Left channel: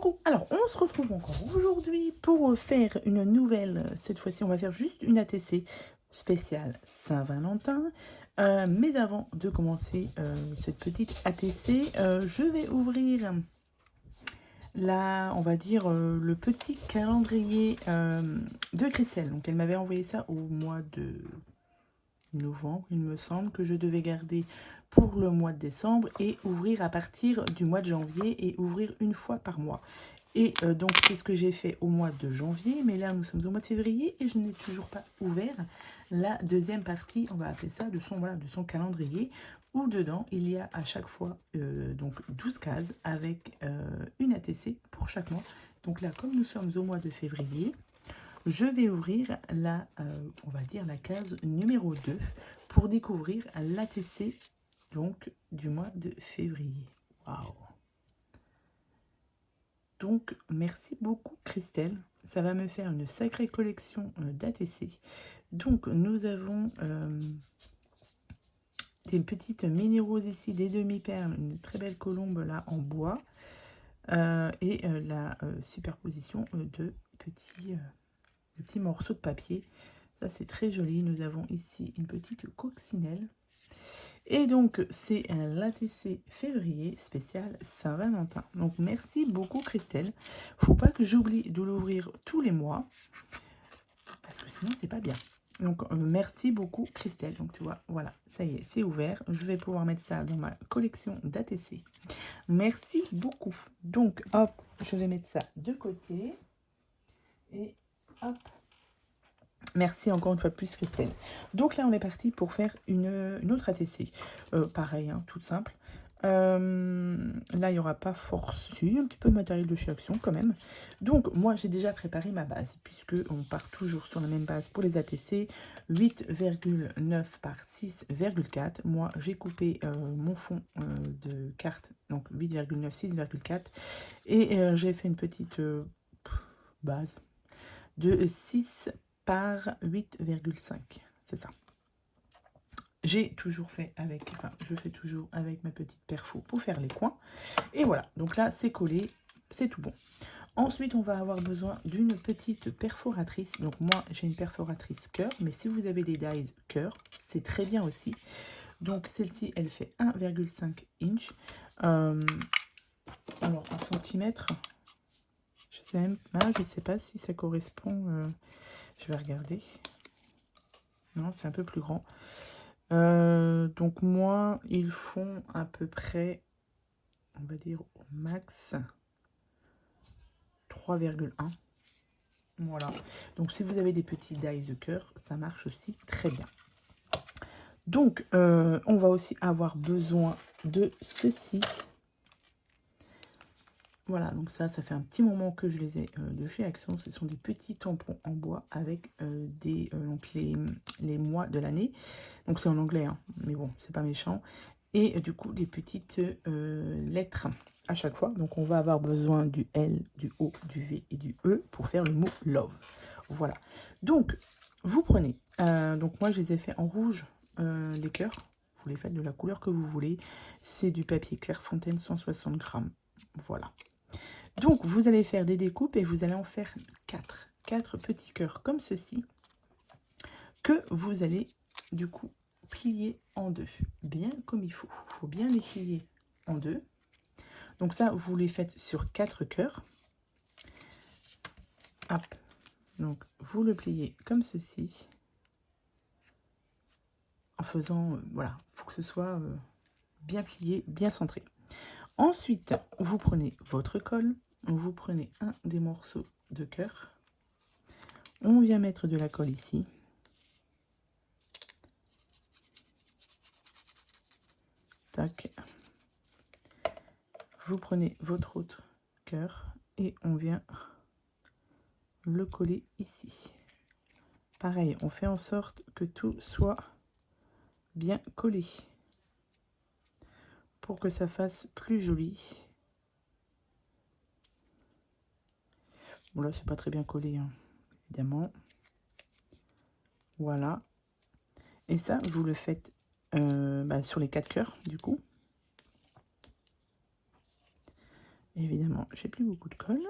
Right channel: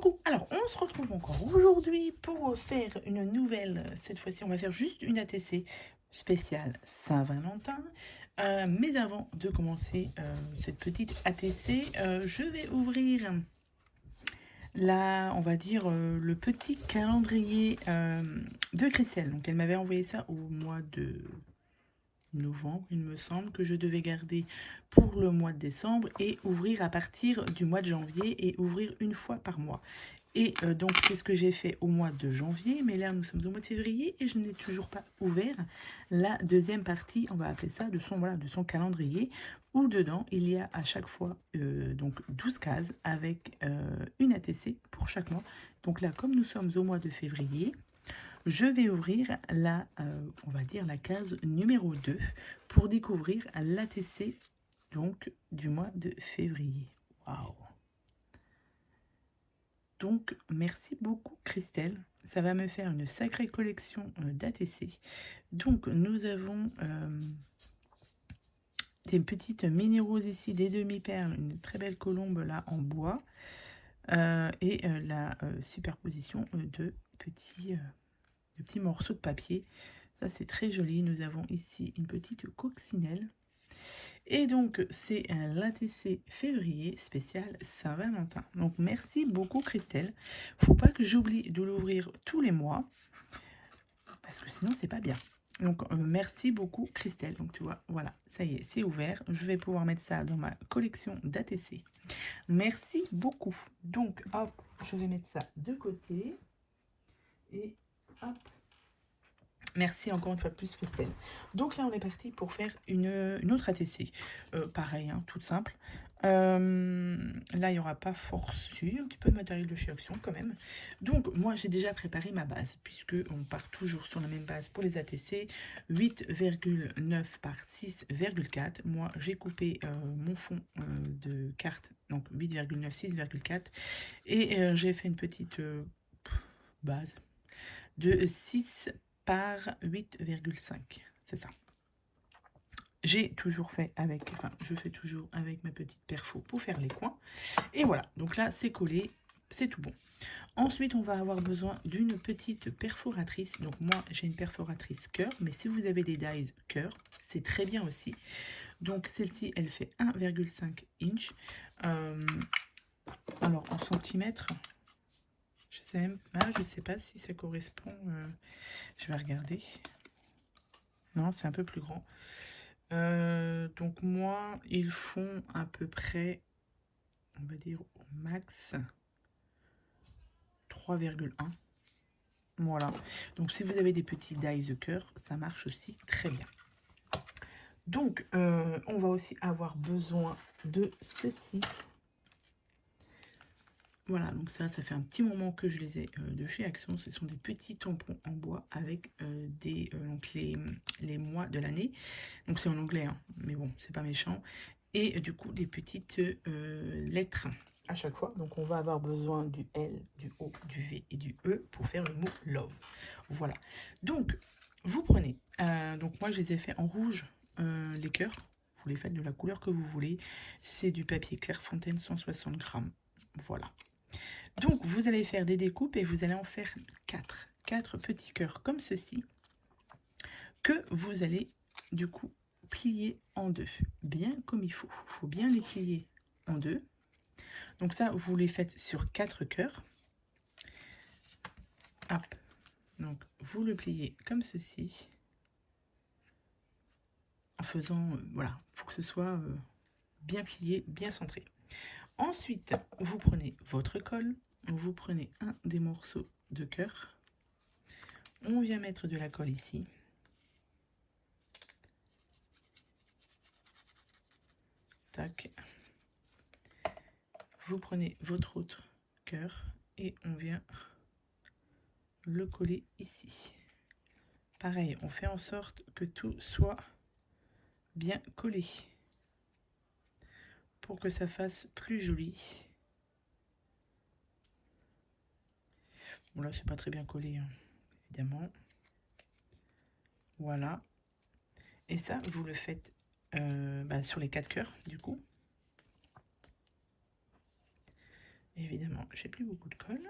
Coucou, alors on se retrouve encore aujourd'hui pour faire une nouvelle, cette fois-ci on va faire juste une ATC spéciale Saint-Valentin. Mais avant de commencer cette petite ATC, je vais ouvrir on va dire le petit calendrier de Christelle. Donc elle m'avait envoyé ça au mois de novembre, il me semble, que je devais garder pour le mois de décembre et ouvrir à partir du mois de janvier et ouvrir une fois par mois. Et donc c'est ce que j'ai fait au mois de janvier, mais là nous sommes au mois de février et je n'ai toujours pas ouvert la deuxième partie, on va appeler ça, de son calendrier, où dedans il y a à chaque fois donc 12 cases avec une ATC pour chaque mois. Donc là, comme nous sommes au mois de février, je vais ouvrir on va dire la case numéro 2 pour découvrir l'ATC donc du mois de février. Waouh! Donc, merci beaucoup Christelle. Ça va me faire une sacrée collection d'ATC. Donc, nous avons des petites mini roses ici, des demi-perles, une très belle colombe là en bois. Et la superposition de petits morceaux de papier. Ça, c'est très joli. Nous avons ici une petite coccinelle. Et donc, c'est l'ATC février spécial Saint-Valentin. Donc, merci beaucoup Christelle. Faut pas que j'oublie de l'ouvrir tous les mois, parce que sinon, c'est pas bien. Donc, merci beaucoup Christelle. Donc, tu vois, voilà, ça y est, c'est ouvert. Je vais pouvoir mettre ça dans ma collection d'ATC. Merci beaucoup. Donc, hop, je vais mettre ça de côté. Et hop. Merci encore une fois de plus Christelle. Donc là on est parti pour faire une autre ATC. Pareil, hein, toute simple. Là il n'y aura pas forcément un petit peu de matériel de chez Action quand même. Donc moi j'ai déjà préparé ma base, puisque on part toujours sur la même base pour les ATC. 8,9 par 6,4. Moi j'ai coupé mon fond de carte, donc 8,9, 6,4. Et j'ai fait une petite base de 6 par 8,5, c'est ça. J'ai toujours fait avec, je fais toujours avec ma petite perfo pour faire les coins. Et voilà, donc là c'est collé, c'est tout bon. Ensuite, on va avoir besoin d'une petite perforatrice. Donc moi, j'ai une perforatrice cœur, mais si vous avez des dies cœur, c'est très bien aussi. Donc celle-ci, elle fait 1,5 inch. Alors en centimètres, je sais pas si ça correspond. Je vais regarder. Non, c'est un peu plus grand. Donc moi, ils font à peu près, on va dire au max 3,1. Voilà. Donc si vous avez des petits dies de cœur, ça marche aussi très bien. Donc on va aussi avoir besoin de ceci. Voilà, donc ça fait un petit moment que je les ai de chez Action. Ce sont des petits tampons en bois avec donc les mois de l'année. Donc c'est en anglais, hein, mais bon, c'est pas méchant. Et du coup, des petites lettres à chaque fois. Donc on va avoir besoin du L, du O, du V et du E pour faire le mot love. Voilà. Donc, vous prenez. Donc moi, je les ai fait en rouge, les cœurs. Vous les faites de la couleur que vous voulez. C'est du papier Clairefontaine, 160 grammes. Voilà. Donc, vous allez faire des découpes et vous allez en faire 4 petits cœurs comme ceci, que vous allez du coup plier en deux, bien comme il faut. Il faut bien les plier en deux. Donc ça, vous les faites sur 4 cœurs. Hop. Donc, vous le pliez comme ceci. En faisant, voilà, il faut que ce soit bien plié, bien centré. Ensuite, vous prenez votre colle. Vous prenez un des morceaux de cœur. On vient mettre de la colle ici. Tac. Vous prenez votre autre cœur et on vient le coller ici. Pareil, on fait en sorte que tout soit bien collé pour que ça fasse plus joli. Bon là, c'est pas très bien collé, hein, évidemment. Voilà. Et ça, vous le faites sur les 4 cœurs, du coup. Évidemment, j'ai plus beaucoup de colle.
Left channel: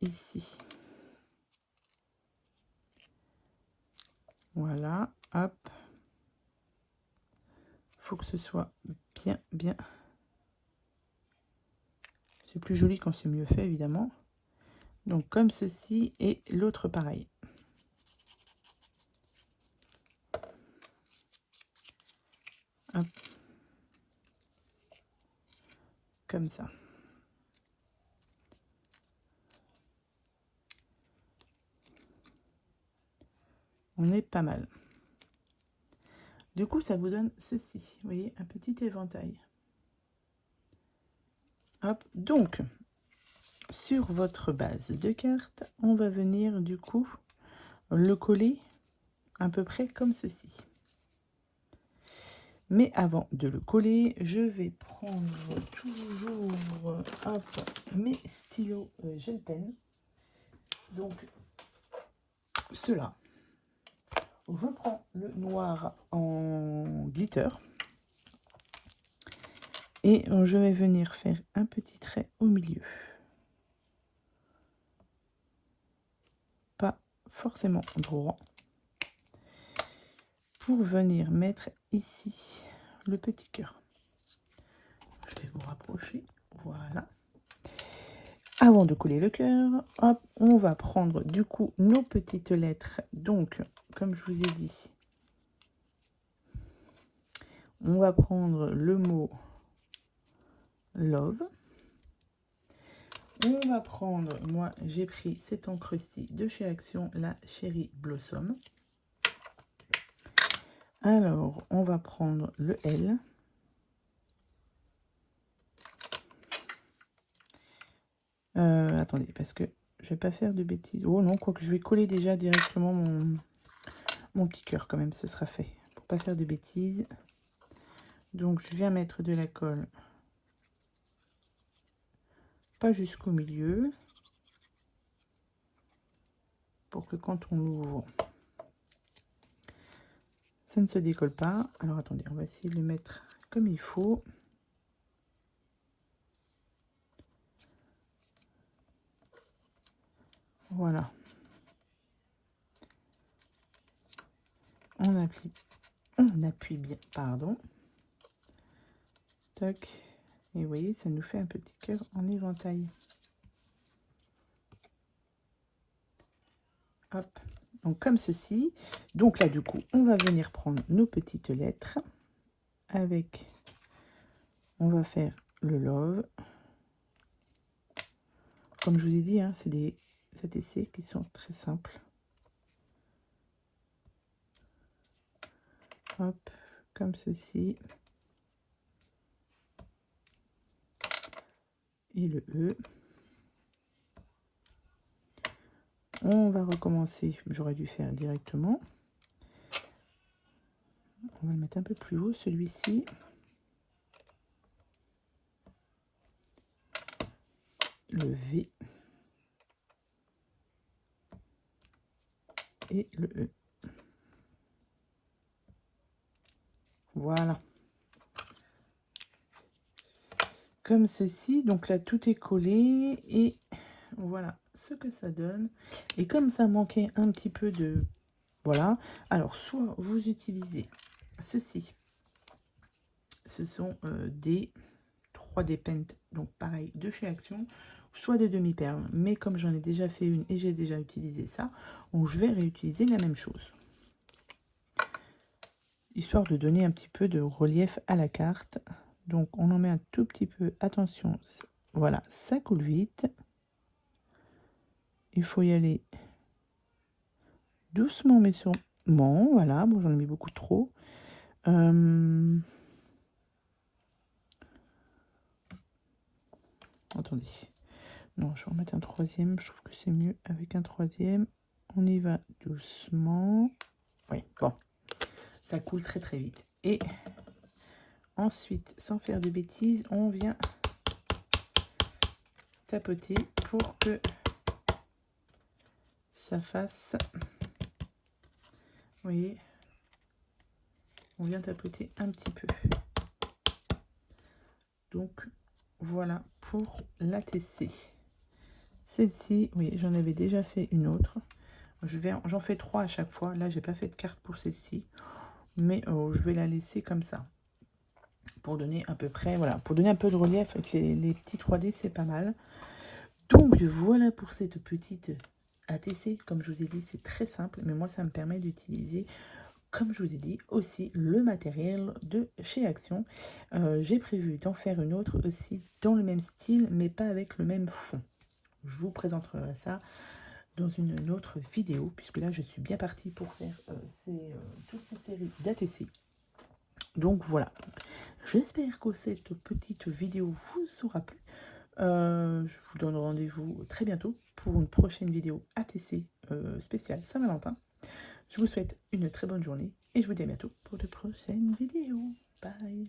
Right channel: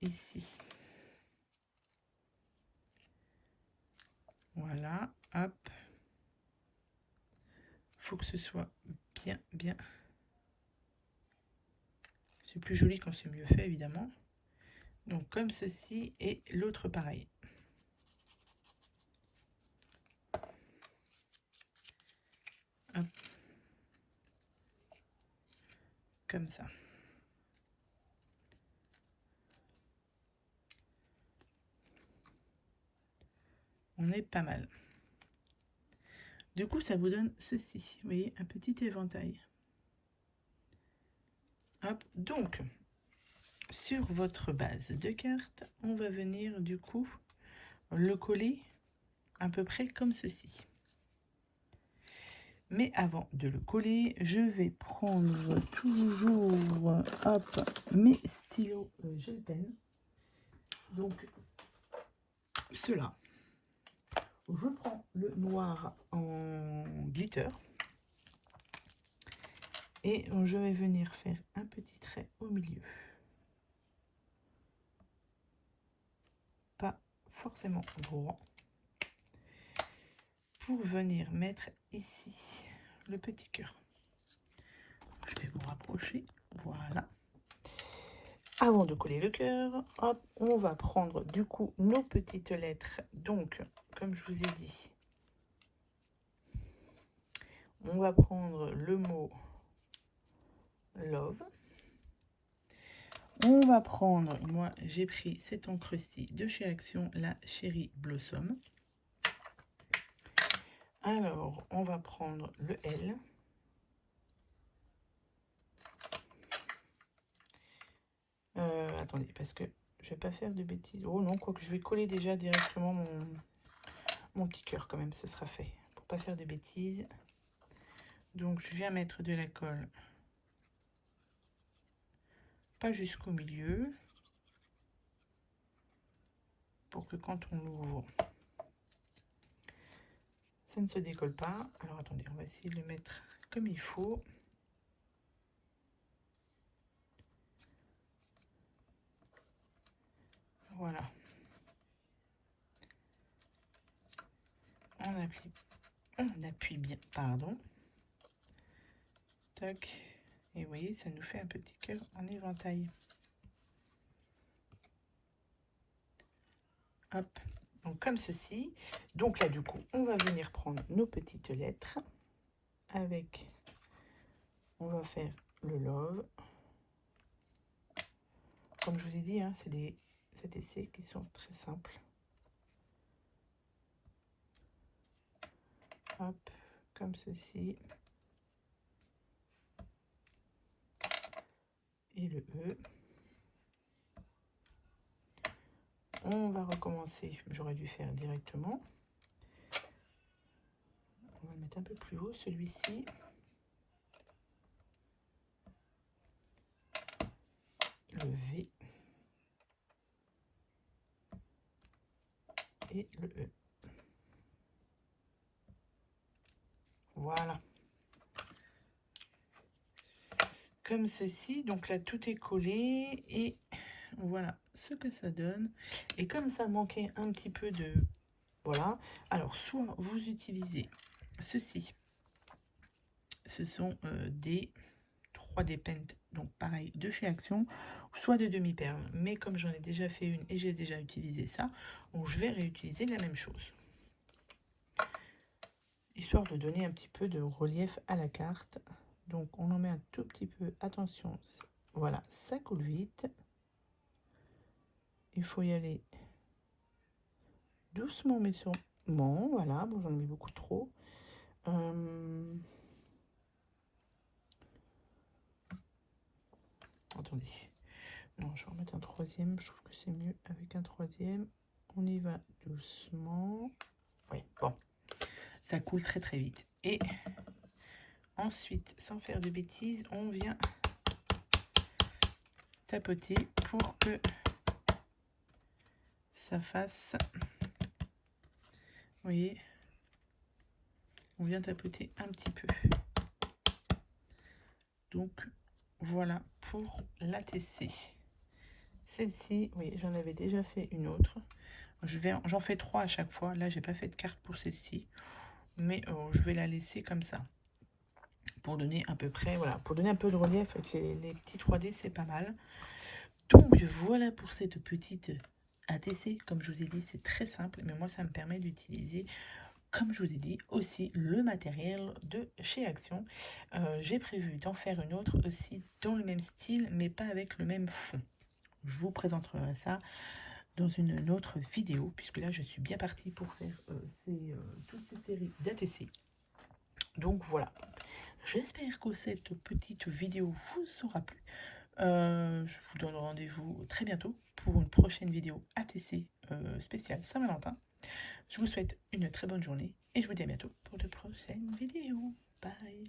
Ici. Voilà, hop. Faut que ce soit bien. C'est plus joli quand c'est mieux fait, évidemment. Donc comme ceci et l'autre pareil. Hop. Comme ça. On est pas mal. Du coup, ça vous donne ceci. Vous voyez, un petit éventail. Hop. Donc, sur votre base de cartes, on va venir du coup le coller à peu près comme ceci. Mais avant de le coller, je vais prendre toujours mes stylos gel pen. Donc, cela. Je prends le noir en glitter. Et je vais venir faire un petit trait au milieu. Pas forcément droit. Pour venir mettre ici le petit cœur. Je vais vous rapprocher. Voilà. Avant de coller le cœur, hop, on va prendre du coup nos petites lettres. Donc, comme je vous ai dit, on va prendre le mot love. On va prendre, moi j'ai pris cette encre-ci de chez Action, la Cherry Blossom. Alors, on va prendre le L. Attendez, parce que je vais pas faire de bêtises. Oh non, quoique je vais coller déjà directement mon petit cœur quand même, ce sera fait. Pour pas faire de bêtises. Donc, je viens mettre de la colle. Pas jusqu'au milieu. Pour que quand on l'ouvre, ça ne se décolle pas. Alors, attendez, on va essayer de le mettre comme il faut. Voilà. On appuie bien, pardon. Tac. Et vous voyez, ça nous fait un petit cœur en éventail. Hop. Donc comme ceci. Donc là, du coup, on va venir prendre nos petites lettres. Avec, on va faire le love. Comme je vous ai dit, hein, c'est des essais qui sont très simples. Hop, comme ceci. Et le E. On va recommencer, j'aurais dû faire directement. On va le mettre un peu plus haut, celui-ci. Le V. Et le E. Voilà. Comme ceci, donc là tout est collé et voilà ce que ça donne. Et comme ça manquait un petit peu de... Voilà. Alors, soit vous utilisez ceci. Ce sont des 3D Paint, donc pareil, de chez Action, soit des demi-perles. Mais comme j'en ai déjà fait une et j'ai déjà utilisé ça, donc je vais réutiliser la même chose. Histoire de donner un petit peu de relief à la carte. Donc, on en met un tout petit peu. Attention, voilà, ça coule vite. Il faut y aller doucement, mais sûrement. Voilà, bon, j'en ai mis beaucoup trop. Attendez. Non, je vais en mettre un troisième. Je trouve que c'est mieux avec un troisième. On y va doucement. Oui, bon. Ça coule très très vite. Et ensuite, sans faire de bêtises, on vient tapoter pour que ça fasse... Vous voyez, on vient tapoter un petit peu. Donc voilà pour l'ATC. Celle-ci, oui, j'en avais déjà fait une autre. J'en fais 3 à chaque fois. Là, j'ai pas fait de carte pour celle-ci, mais je vais la laisser comme ça pour donner à peu près, voilà, pour donner un peu de relief avec les petits 3D, c'est pas mal. Donc voilà pour cette petite ATC. Comme je vous ai dit, c'est très simple, mais moi, ça me permet d'utiliser, comme je vous ai dit, aussi le matériel de chez Action. J'ai prévu d'en faire une autre aussi dans le même style, mais pas avec le même fond. Je vous présenterai ça dans une autre vidéo, puisque là, je suis bien partie pour faire toutes ces séries d'ATC. Donc voilà, j'espère que cette petite vidéo vous aura plu. Je vous donne rendez-vous très bientôt pour une prochaine vidéo ATC spéciale Saint-Valentin. Je vous souhaite une très bonne journée et je vous dis à bientôt pour de prochaines vidéos. Bye!